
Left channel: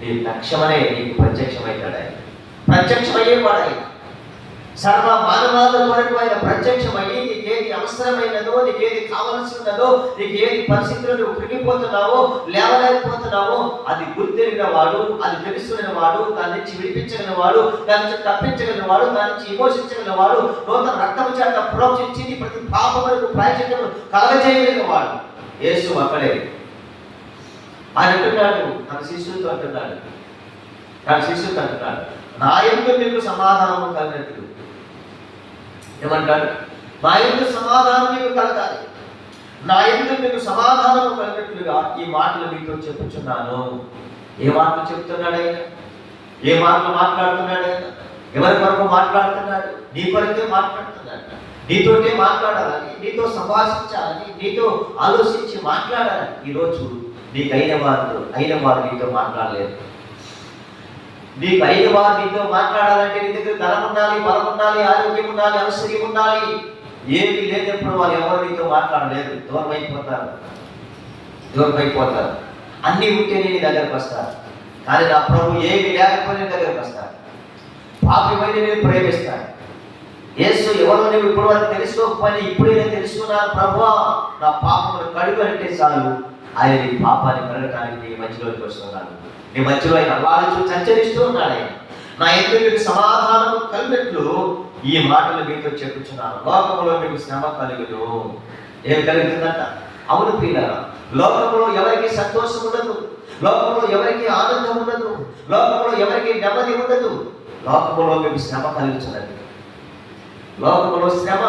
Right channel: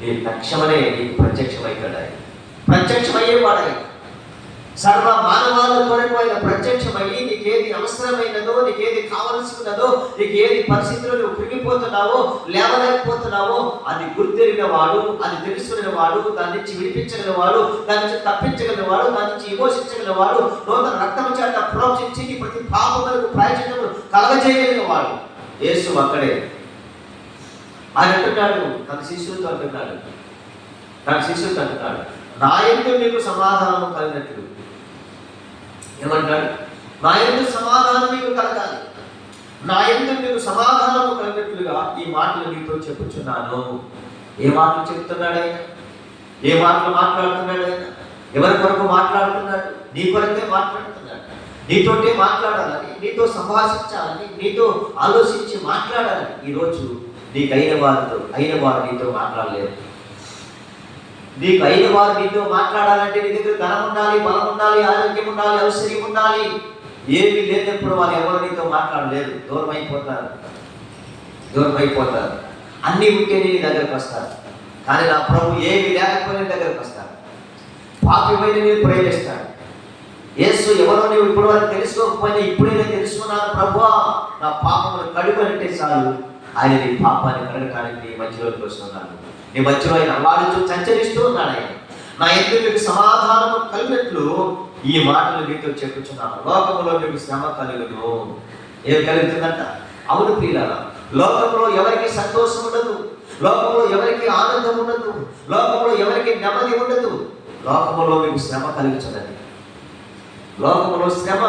నీ తక్షణమే నీకు ప్రత్యక్షమవుతాడు ఆయన. ప్రత్యక్షమయ్యేవాడు ఆయన. సర్వ మానవాల కొరకు ఆయన ప్రత్యక్షమయ్యి నీకేది అవసరమైనదో, నీకేది కావలసినదో, నీకేది పరిస్థితుల్లో నువ్వు కృంగిపోతున్నావో, లేవలేకపోతున్నావో అది గుర్తెరిగిన వాడు, అది తెలుసుకునే వాడు, దాని నుంచి విడిపించగలిగిన వాడు, దాని నుంచి తప్పించగలిగిన వాడు, దాని నుంచి విమోచించగలిగిన వాడు, నూతన రక్తము చేత ప్రోక్షించి ప్రతి పాపములకు ప్రాయశ్చిత్తము కలగజేయగలిగిన వాడు యేసు అక్కడే. ఆయన అంటున్నాడు, తన శిష్యులతో అంటున్నాడు, నా యందు మీకు సమాధానము కలిగినట్లు. ఏమంటాడు? నా యందు సమాధానం మీకు కలగాలి, నా యందు మీకు సమాధానము కలిగినట్లుగా ఈ మాటలు మీతో చెప్పుచున్నాను. ఏ మాటలు చెప్తున్నాడు ఆయన? ఏ మాటలు మాట్లాడుతున్నాడు ఆయన? ఎవరి కొరకు మాట్లాడుతున్నాడు? నీ కొరకే మాట్లాడుతున్నాడు. నీతోటే మాట్లాడాలని, నీతో సంభాషించాలని, నీతో ఆలోచించి మాట్లాడాలని. ఈరోజు నీకు అయిన వారు నీతో మాట్లాడలేదు. నీకు అయిన వారు నీతో మాట్లాడాలంటే నీ దగ్గర ధనం ఉండాలి, బలం ఉండాలి, ఆరోగ్యం ఉండాలి, ఔషధ్యం ఉండాలి. ఏమి లేనప్పుడు వాళ్ళు ఎవరు నీతో మాట్లాడలేదు. దూరం అయిపోతారు. అన్నీ ఉంటే నీ దగ్గరకు వస్తారు. కానీ నా ప్రభు ఏమి లేకపోయినా దగ్గరకు వస్తారు. పాపమైన నేను ప్రేమిస్తాడు. యేసు ఎవరు నీవు ఇప్పుడు వరకు తెలుసుకోకపోయినా ఇప్పుడైనా తెలుసుకున్నాను ప్రభువా, నా పాపమును కడుగనంటే చాలు, ఆయన నీ పాపాన్ని కడగటానికి నీ మధ్యలోకి వస్తున్నాను. నీ మధ్యలో ఆయన అల్లాడుచూ సంచరిస్తూ ఉన్నాడు ఆయన. నా యందు మీకు సమాధానము కలిగినట్లు ఈ మాటలు మీతో చెప్పుచున్నాను. లోకములో మీకు శ్రమ కలుగును. ఏమి కలుగుతుందంట? అవును ప్రియులారా, లోకంలో ఎవరికి సంతోషం ఉండదు, లోకంలో ఎవరికి ఆనందం ఉండదు, లోకంలో ఎవరికి నెమ్మది ఉండదు. లోకములో మీకు శ్రమ కలుగుతున్నది. లోకములో శ్రమ,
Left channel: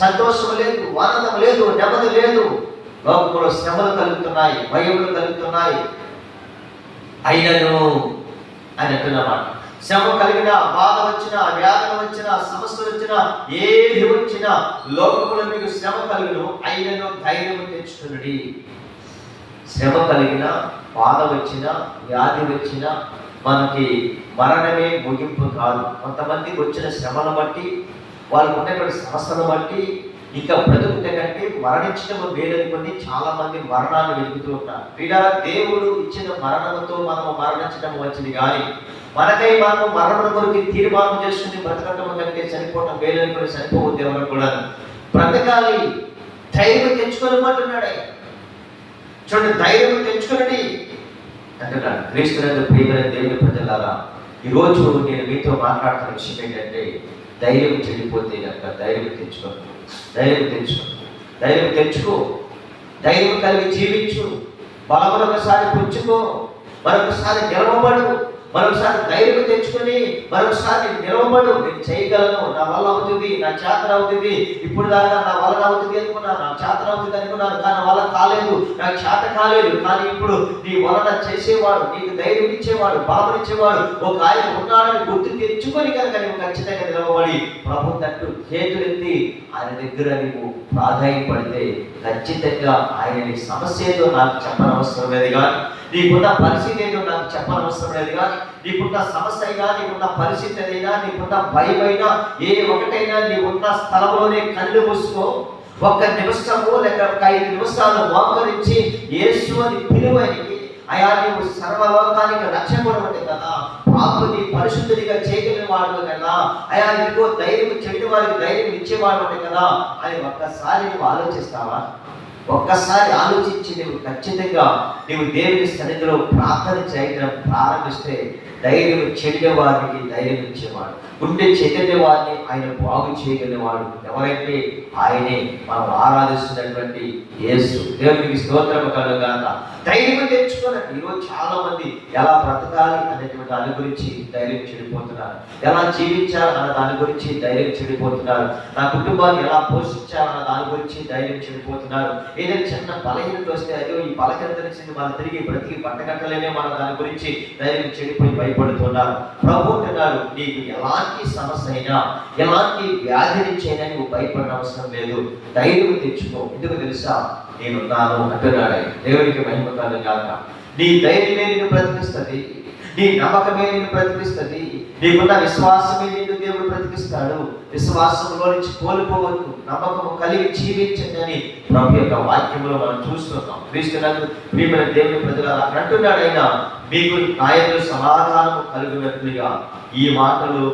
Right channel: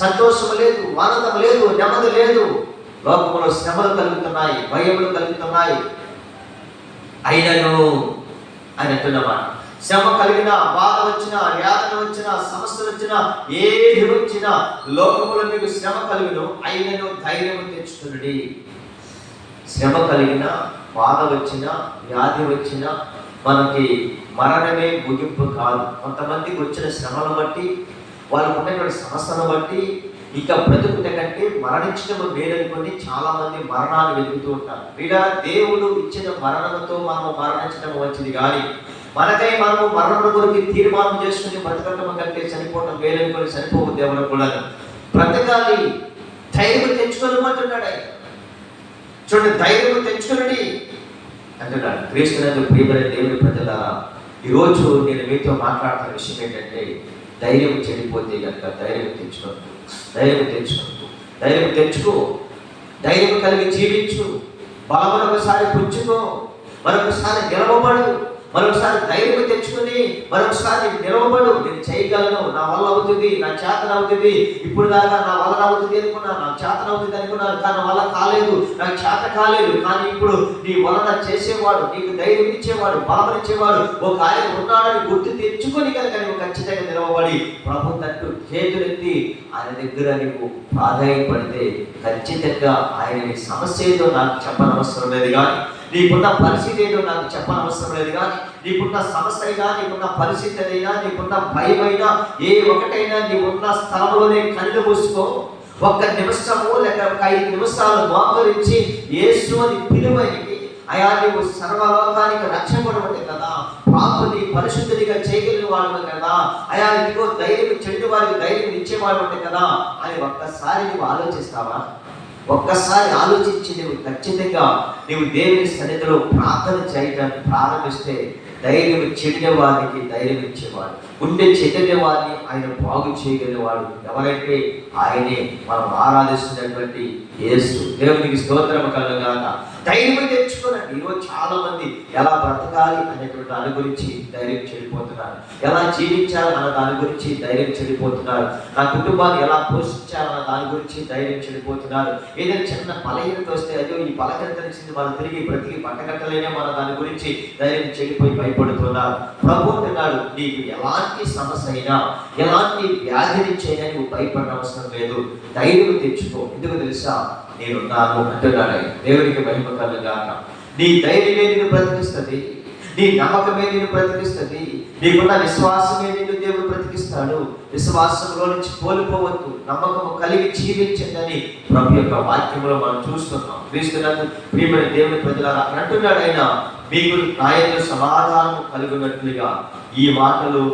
సంతోషం లేదు, ఆనందం లేదు, నెమ్మది లేదు. లోకంలో శ్రమలు కలుగుతున్నాయి, భయములు కలుగుతున్నాయి. అయినను అని అంటున్నమాట. శ్రమ కలిగిన, బాధ వచ్చిన, వ్యాధన వచ్చిన, సమస్యలు వచ్చిన, ఏది వచ్చినా లోకములో మీకు శ్రమ కలిగిన అయినను ధైర్యం తెచ్చుకున్నది. శ్రమ కలిగిన, బాధ వచ్చిన, వ్యాధి వచ్చిన మనకి మరణమే ముగింపు కాదు. కొంతమందికి వచ్చిన శ్రమను బట్టి, వాళ్ళకు ఉన్నటువంటి సమస్యను బట్టి ఇంకా బ్రతుకుతే కంటే మరణించడం మేలనుకొని చాలా మంది మరణాలు వెతుకుతూ ఉంటారు. వీళ్ళ దేవుడు ఇచ్చిన మరణంతో మనం మరణించడం వచ్చింది కానీ మనకై మనము మరణం గురించి తీర్మానం చేసుకుని బ్రతకటం కంటే చనిపోవటం మేలనుకొని చనిపోవద్దు. ఎవరు కూడా బ్రతకాలి, ధైర్యం తెచ్చుకోలేమంటున్నాడు ఆయన. చూడండి, ధైర్యం తెచ్చుకునండి అంటున్నాడు. క్రీస్తునందు ప్రియమైన దేవుని ప్రజలారా, ఈరోజు నేను మీతో మాట్లాడుతున్న విషయం ఏంటంటే, ధైర్యం చెడిపోతే కనుక ధైర్యం తెచ్చుకోండి. ధైర్యం తెచ్చుకో, ధైర్యం తెచ్చుకో, ధైర్యం కలిగి జీవించు. బలమొకసారి పుచ్చుకో, మరొకసారి నిలవబడు, మరొకసారి ధైర్యం తెచ్చుకొని మరొకసారి నిలవబడు. నేను చేయగలను, నా వల్ల అవుతుంది, నా చేతన అవుతుంది. ఇప్పుడు దాకా నా వల్ల అవుతుంది అనుకున్నాను, నా చేతన అవుతుంది అనుకున్నాను, కానీ నా వల్ల కాలేదు, నాకు చేత కాలేదు. కానీ ఇప్పుడు నీ వలన చేసేవాడు, నీకు ధైర్యం ఇచ్చేవాడు, బలం ఇచ్చేవాడు ఒక ఆయన ఉన్నాడని గుర్తు తెచ్చుకొని కనుక నీవు ఖచ్చితంగా నిలవబడి ప్రభు తట్టు చేతులెత్తి ఆయన దగ్గర నీవు ప్రాధాన్యపడితే ఖచ్చితంగా ఆయన నీ సమస్య ఏదో నాకు చెప్పనవసరం లేదు కానీ, నీకున్న పరిస్థితి ఏదో నాకు చెప్పనవసరం లేదు కానీ, నీకున్న సమస్య అయినా, నీకున్న పరిస్థితి అయినా, నీకున్న భయం అయినా, ఏ ఒకటైనా నీకున్న స్థలంలోనే కళ్ళు మూసుకో. ఒక్క నిమిషము లేక 5 నిమిషాలు మోకరించి యేసు అని పిలువనికి, అయా నీవు సర్వలోకానికి రక్షకుడు అంటే కదా, పాపుని పరిశుద్ధుడిగా చేయగలిగిన వాడు కదా, అయా నీకు ధైర్యం చెడు వారికి ధైర్యం ఇచ్చేవాడు అంటే కదా అని ఒక్కసారి నువ్వు ఆలోచిస్తావా? ఒక్కసారి ఆలోచించి నువ్వు ఖచ్చితంగా నువ్వు దేవుని సన్నిధిలో ప్రార్థన చేయడం ప్రారంభిస్తే ధైర్యం చెడిన వారికి ధైర్యం ఇచ్చేవాడు, ఉండే చెడ్డ వారిని ఆయన బాగు చేయగలిగేవాడు ఎవరైతే ఆయనే మనం ఆరాధిస్తున్నటువంటి యేసు. దేవునికి స్తోత్రం కలుగాక. ధైర్యం తెచ్చుకోనండి. ఈరోజు చాలా మంది ఎలా బ్రతకాలి అనేటువంటి దాని గురించి ధైర్యం చెడిపోతున్నారు, ఎలా జీవించాలి అన్న దాని గురించి ధైర్యం చెడిపోతున్నారు, నా కుటుంబాన్ని ఎలా పోషించాలన్న దాని గురించి ధైర్యం చెడిపోతున్నారు. ఏదైనా చిన్న బలహీనత వస్తే అయ్యో ఈ బలహీనత నుంచి మనం తిరిగి బ్రతికి పట్టగట్టలేనే మన దాని గురించి ధైర్యం చెడిపోయి భయపడుతున్నారు. ప్రభు అంటున్నాడు, నీకు ఎలాంటి సమస్య అయినా, ఎలాంటి వ్యాధి నుంచి అయినా నువ్వు భయపడిన అవసరం లేదు, ధైర్యం తెచ్చుకో. ఎందుకు తెలుసా? నేనున్నాను అంటున్నాడు. దేవునికి మహిమ కలుగాక. నీ ధైర్యమే నిన్ను బ్రతికిస్తుంది, నీ నమ్మకమే నిన్ను బ్రతికిస్తుంది, నీకున్న విశ్వాసమే నిన్ను దేవుడు బ్రతికిస్తాడు. విశ్వాసంలో నుంచి కోల్పోవద్దు, నమ్మకము కలిగి జీవించండి అని ప్రభు యొక్క వాక్యంలో మనం చూస్తున్నాం. క్రీస్తునందు ప్రియమైన దేవుని ప్రజలారా అంటున్నాడు ఆయన, మీకు నాయకులు సమాధానం కలుగునట్లుగా ఈ మాటలు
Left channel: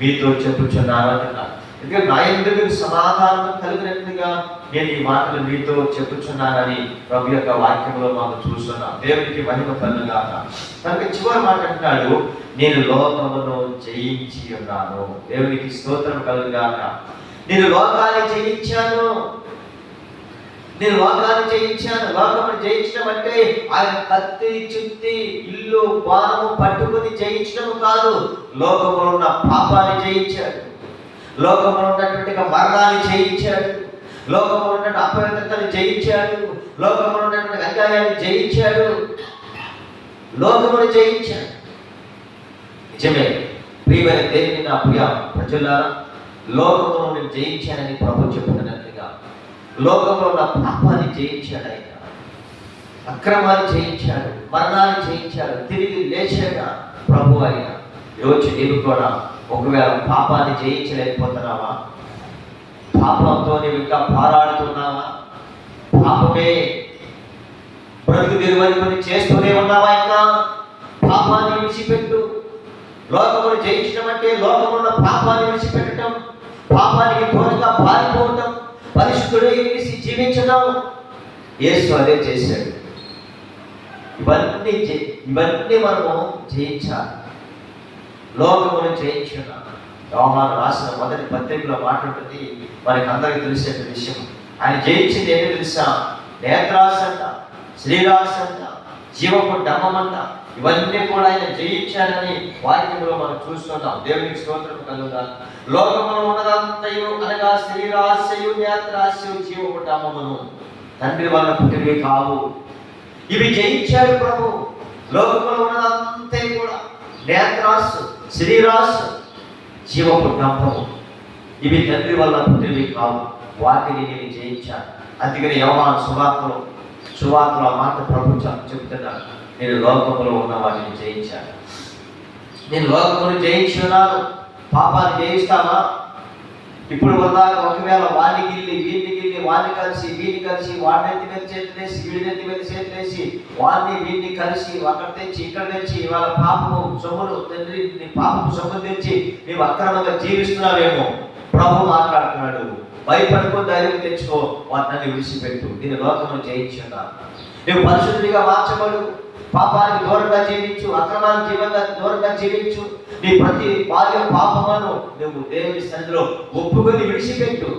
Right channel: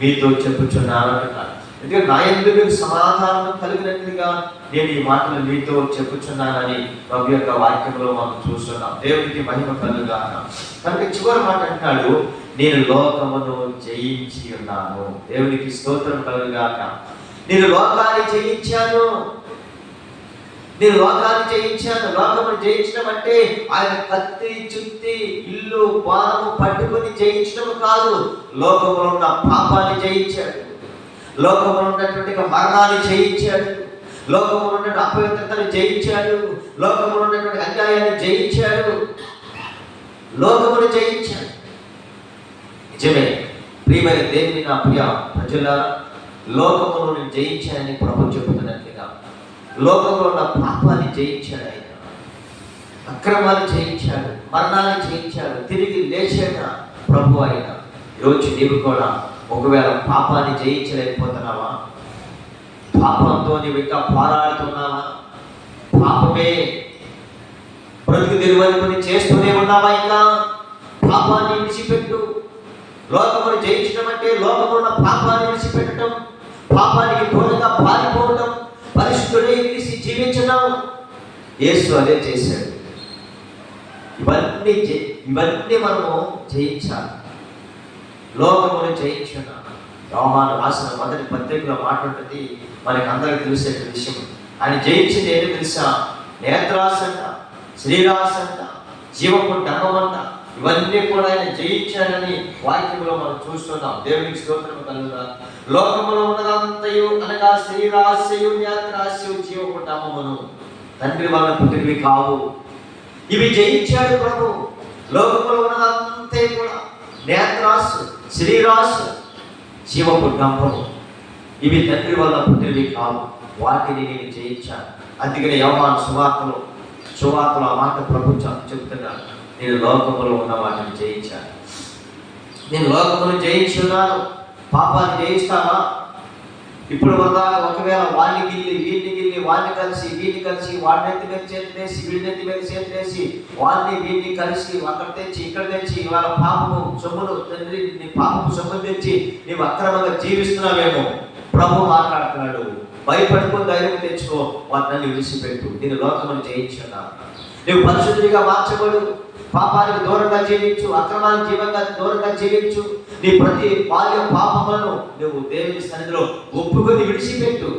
మీతో చెప్పుచున్నారు అంటున్నాడు. ఎందుకంటే నాయకులకు సమాధానం కలిగినట్లుగా నేను ఈ మాటలు మీతో చెప్పుచున్నానని ప్రభు యొక్క వాక్యంలో మనం చూస్తున్నాం. దేవునికి మహిమ కలుగాక. కనుక చివరి మాట అంటున్నాడు, నేను లోకమును జయించి ఉన్నాను. దేవునికి స్తోత్రం కలుగాక. నేను లోకాన్ని జయించాను, నేను లోకాన్ని జయించాను. లోకమును జయించడం అంటే ఆయన కత్తి చుత్తి ఇల్లు వారము పట్టుకుని జయించడం కాదు. లోకములో ఉన్న పాపాన్ని జయించాడు, లోకములో ఉన్నటువంటి మరణాన్ని జయించాడు, లోకములో ఉన్నటువంటి అపవిత్రతను జయించాడు, లోకములో ఉన్నటువంటి అన్యాయాన్ని జయించాడు, లోకమును జయించాడు. నిజమే ప్రియమైన దేవుని నా ప్రియ ప్రజలారా, లోకమును నేను జయించానని ప్రభు చెబుతున్నట్లుగా లోకంలో ఉన్న పాపాన్ని జయించాడు ఆయన, అక్రమాన్ని జయించాడు, మరణాన్ని జయించాడు, తిరిగి లేచాడు ప్రభు ఆయన. ఈరోజు నీవు కూడా ఒకవేళ పాపాన్ని జయించలేకపోతున్నావా? పాపంతో నీవు ఇంకా పోరాడుతున్నావా? పాపమే బ్రతుకు తెరువని చేస్తూనే ఉన్నావా? ఇంకా పాపాన్ని విడిచిపెట్టు. లోకమును జయించడం అంటే లోకములో ఉన్న పాపాన్ని విడిచిపెట్టడం, పాపానికి దూరంగా పారిపోవడం, పరిశుద్ధుడై జీవించడం. యేసు అదే చేశాడు. ఇవన్నీ మనము జయించాలి. లోకమును జయించున్నాం. యోహాను రాసిన మొదటి పత్రికలో మాట్లాడుతుంది, మనకి అందరికీ తెలిసే విషయం. ఆయన జయించింది ఏంటో తెలుసా? నేత్రాశ అంట, శ్రీరాశ అంట, జీవపు డమ్మమంట, ఇవన్నీ కూడా ఆయన జయించాడని వాక్యంలో మనం చూస్తున్నాం. దేవునికి స్తోత్రం కలుగుతారు. లోకములో ఉన్నదంతయు అనగా శ్రీరాశయు, నేత్రాశయు, జీవపు డమ్మమును తండ్రి వాళ్ళ పుట్టినవి కావు. ఇవి జయించాడు ప్రభు. లోకములో ఉన్నదంతా కూడా నేత్రాశ, శరీరాశ, జీవపు డంపము, ఇవి తండ్రి వల్ల పుట్టినవి కావు, వాటిని నేను జయించాను. అందుకని యోహాను సువార్తలో ఆ మాట ప్రభు చెప్తున్నాను, నేను లోకములో ఉన్న వాటిని జయించాను. నేను లోకమును జయించున్నాను. పాపాన్ని జయిస్తానా? ఇప్పుడు ఒకవేళ వాడిని గిల్లి వీడిని గిల్లి వాడిని కలిసి వీడిని కలిసి వాడినెత్తి మీద చేతులేసి వీడినెత్తి మీద చేతులేసి వాడిని వీడిని కలిసి అక్కడ తెచ్చి ఇక్కడ తెచ్చి వాళ్ళ పాపము సొమ్మును తండ్రి నీ పాపము సొమ్మును తెచ్చి నీవు అక్రమంగా జీవిస్తున్నావేమో. ప్రభు మాట్లాడుతున్నాడు, భయపడుకో, ధైర్యం తెచ్చుకో, వాటిని విడిచిపెట్టు, నేను లోకమును జయించున్నాను. నువ్వు పరిశుద్ధుడిగా మార్చబడు, పాపానికి దూరంగా జీవించు, అక్రమానికి జీవంగా దూరంగా జీవించు. నీ ప్రతి బాల్య పాపములను నువ్వు దేవుని సన్నిధిలో ఒప్పుకొని విడిచిపెట్టు.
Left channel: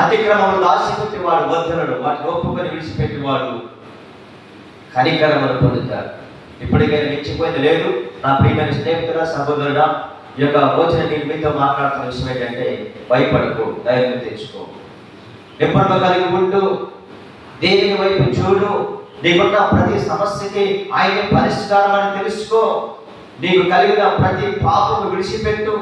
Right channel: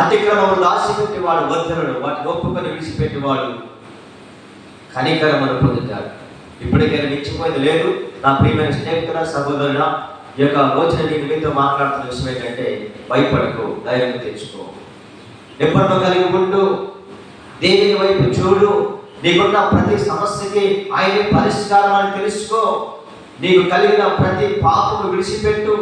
అతిక్రమములు దాచిపెట్టేవాడు వద్దనుడు, వాటిని ఒప్పుకొని విడిచిపెట్టేవాడు కనికరమును పొందుతాడు. ఇప్పటికైనా మించిపోయింది లేదు. నా ప్రియమైన స్నేహితుల సహోదరుడా, ఈ యొక్క రోజున నేను మీతో మాట్లాడుతున్న విషయం ఏంటంటే, భయపడకు, ధైర్యం తెచ్చుకో, నిబ్బరం కలిగి ఉండు, దేవుని వైపు చూడు. నీకున్న ప్రతి సమస్యకి ఆయన పరిష్కారం అని తెలుసుకో. నీకు కలిగిన ప్రతి పాపము విడిచిపెట్టు.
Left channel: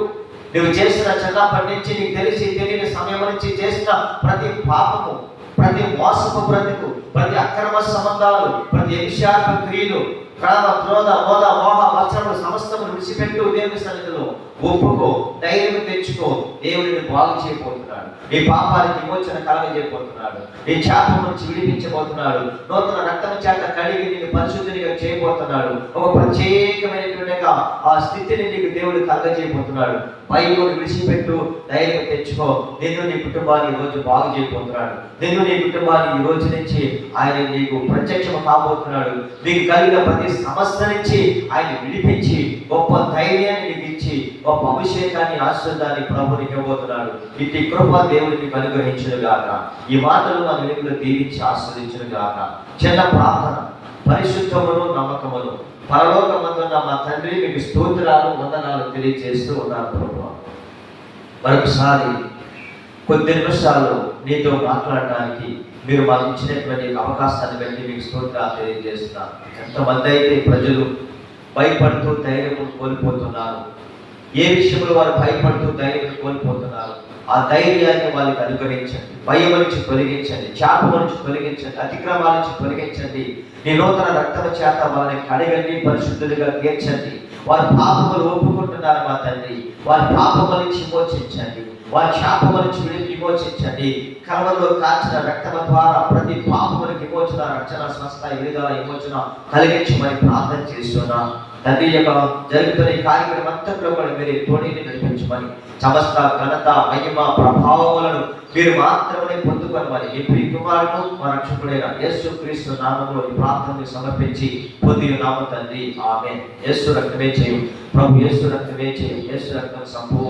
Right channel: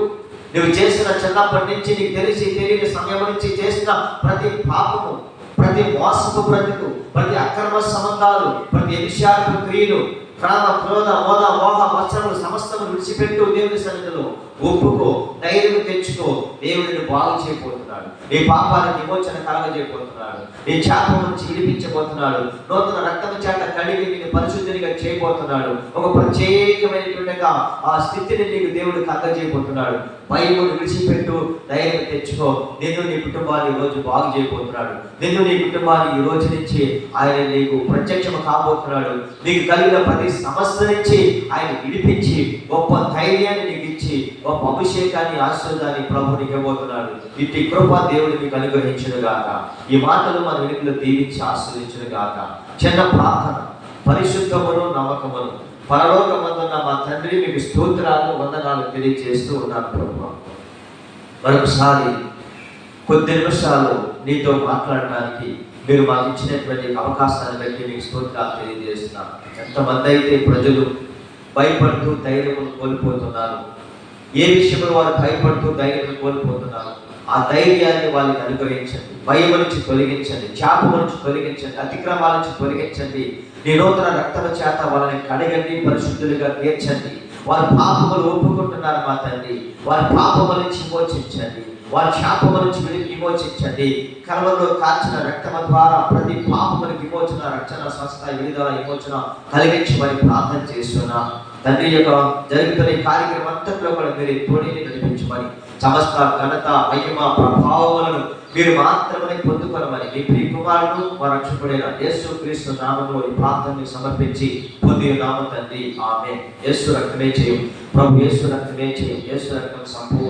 నువ్వు చేసిన చిన్నప్పటి నుంచి నీకు తెలిసి తెలియని సమయం నుంచి చేసిన ప్రతి పాపము, ప్రతి మోసపు బ్రతుకు, ప్రతి అక్రమ సంబంధాలు, ప్రతి విషయాలకు క్రియలు, క్రోధ మోద మోహ వచనములు సమస్తము విడిచిపెట్టు. దేవుని సన్నిధిలో ఒప్పుకో, ధైర్యం తెచ్చుకో. దేవుడిని బాగు చేయబోతున్నాడు, నీ పాపానికి విమోచన కలగజేయబోతున్నాడు, నీ శాపం నుంచి విడిపించబోతున్నాడు, నూతన రక్తం చేత కడిగి నీకు పరిశుద్ధిగా చేయబోతున్నాడు. ఒక ప్రత్యేకమైనటువంటి ఆ స్థితిని నీకు దేవుడు కలగజేయబోతున్నాడు. భయమును విడిచిపెట్టు, ధైర్యం తెచ్చుకో. నిన్ను నీ కుటుంబాన్ని ఈ రోజు బాగు చేయబోతున్నాడు. నిన్ను నీ కుటుంబాన్ని ఈ రోజు నుంచి ఆయన నీకు ప్రత్యక్షం కాబోతున్నాడు. నీకు కలిగిన ప్రతి సమస్య నుంచి ఆయన విడిపించి గొప్ప ధైర్యాన్ని నీకు ఇచ్చి గొప్ప అభిషేకాన్ని, ఆశీర్వాదాన్ని ప్రభు నీకు ఇవ్వబోతున్నాడు. ఇటు కృప దేవుడు నీకు అనుగ్రహించును గాక. ఈ మాటలు మన వెనుకలు దీవించి ఆశీర్వదించును గాక. చిన్న ప్రార్థన. పరిశుద్ధమును నమ్మకమును పరలోకమందున్న మా తండ్రి, మీకు స్తోత్రాలు, వందనాలు తెలియజేస్తూ ఉన్నాను ప్రభు. మరొకసారి కొద్ది నిమిషాలు నీతో మాట్లాడడానికి మీరు మాకు ఇచ్చినటువంటి అవకాశాన్ని బట్టి మీకు స్తోత్రాలు తెలియజేస్తున్నాను. ఎంతమంది అయితే ప్రజలు భయపడుతూ ధైర్యం కోల్పోతున్నారు, ఏ విషయంలో వారు భయపడుతూ ధైర్యం కోల్పోతున్నారు, ఆ ధైర్యాన్ని వాళ్ళకి అనుగ్రహించండి. భయం నుంచి తొలగించండి, శాపం నుంచి తొలగించండి, అతిక్రమాల నుంచి తొలగించండి. నీ నూతన రక్తమ చేత వాళ్ళని కడగండి, పరిశుద్ధులుగా తీర్చండి. వారి పాపములు ఒప్పుకుంటున్నారు మా తండ్రి, వారి పాపముల నుంచి విమోచించండి, వారి శాపముల నుంచి విమోచించండి. కలవలో కాల్చిన రక్తమ ద్వారా ప్రతి పాపములకు విమోచన, రక్షణ, స్వస్థ, విడుదల, విమోచన కలిగించమని ప్రార్థన చేస్తున్నా. తండ్రి యొక్క జరుగుతున్న ఈ కార్యక్రమం అంతట్లో కూడా మీరు తోడిని నడిపించమని, సమస్త ఘనత, మహిమ, ప్రభావములను మీరు మాత్రమే పొందుకోనమని మీ ప్రియ కుమారుడు మా రక్షకుడైన యేసు క్రీస్తు నామములో ఈ ప్రార్థనని సమర్పించి పొంది నామ తండ్రి, ఆమేన్. యేసు రక్తమే చేయి ప్రభు, యేసు రక్తమే చేయి, యేసు రక్తం సంపూర్ణ